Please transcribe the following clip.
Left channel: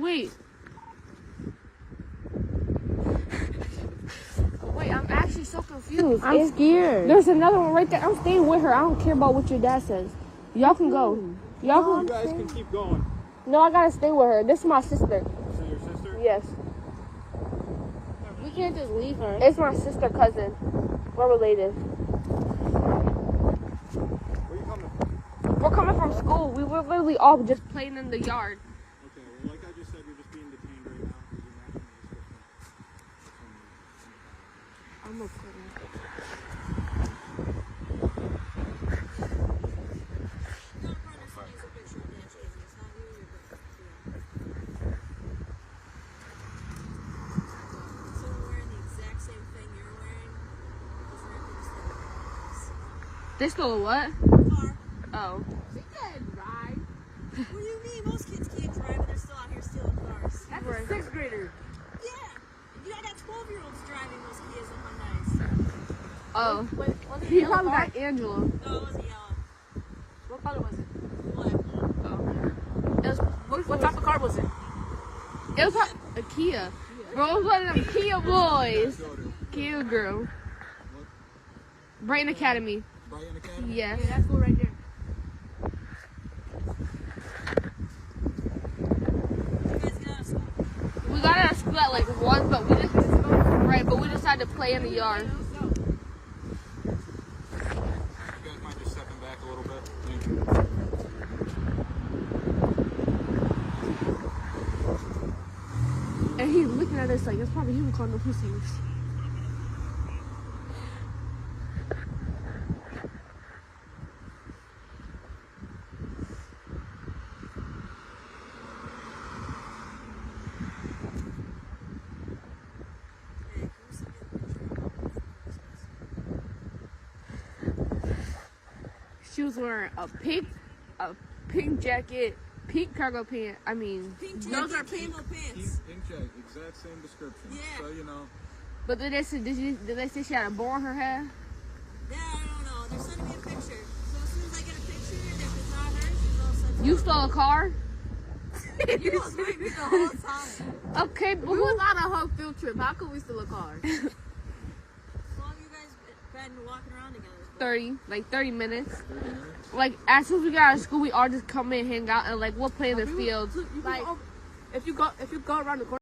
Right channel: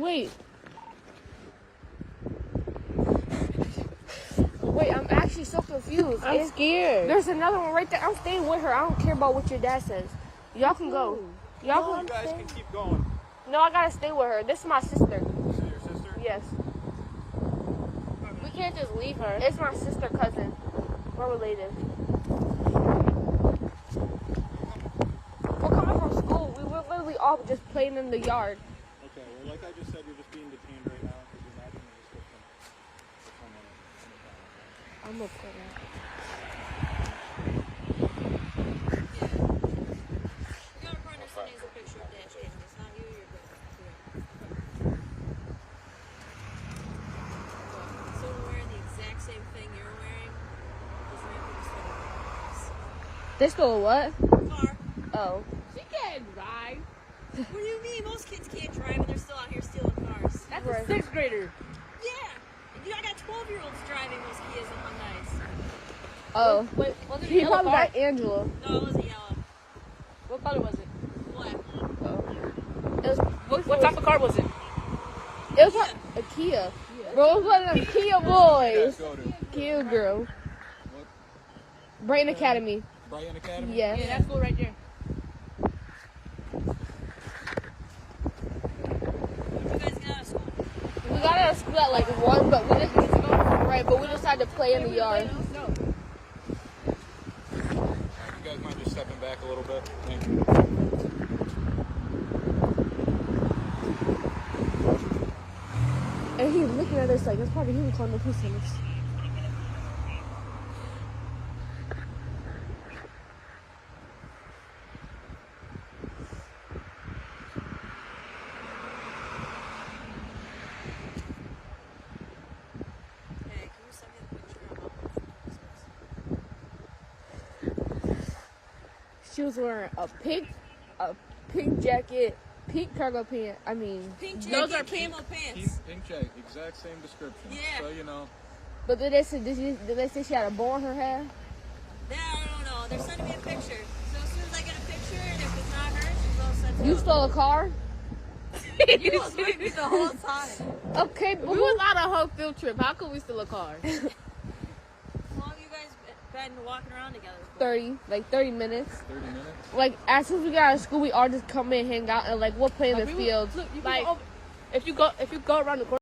Wait. Wait, I'm actually so confused. I'm scared. There's another one right there. I'm staying with her. I don't care about what your dad says. Y'all can go. Y'all can. You guys can keep going. No, I gotta stay with her. This is my sister. Is it your sister? Yes. We can't just leave her. It's my sister cousin. We're related. We're coming from school. We were literally all just playing in the yard. Okay, well, like I just said, you're just being detained right now because you're not going to I'm okay now. They stole what? Car. Oh. She can't drive. What do you mean? Most kids can't drive and they're still out here stealing cars. That's Right. a 6th grader. Yeah. I got 12-year-olds driving those Kias and Hyundais. Oh. Wait, was it He yellow probably car? got Angela. No, it wasn't yellow. What color was it? Black. Oh. It was, What type of car was it? it was a Kia. Bro, it was one of them Kia boys. go to. Kia girl. Brighton Academy. Brighton Academy? Yeah. Yeah, that school right there. You guys get out of school. We got out of school at like 1, but we just right, but we just had to play in the yard. No. You guys mind just stepping back a little bit? Thank you. And he's looking at us like it's probably him calling the police on us. Hey, can you send me the picture of all those officers? She was wearing a pink jacket, pink cargo pants. I mean, Pink Those jacket, are pink. camo pants. Pink check, exact same description. Yeah. So, you know. but did they say she had a bow in her hair? Yeah, I don't know. They're sending me a picture. So as soon as I get a picture, and if it's not her, she's all set to You go. stole a car? You was with me the whole time. Okay, but We who? was on a whole field trip. How could we steal a car? How long have you guys been walking around together? 30 minutes. 30 minutes? Like as soon as we got out of school, we all just come in, hang out, and like we'll play in the Like, we- fields. Look, you can go over- if you go around the corner.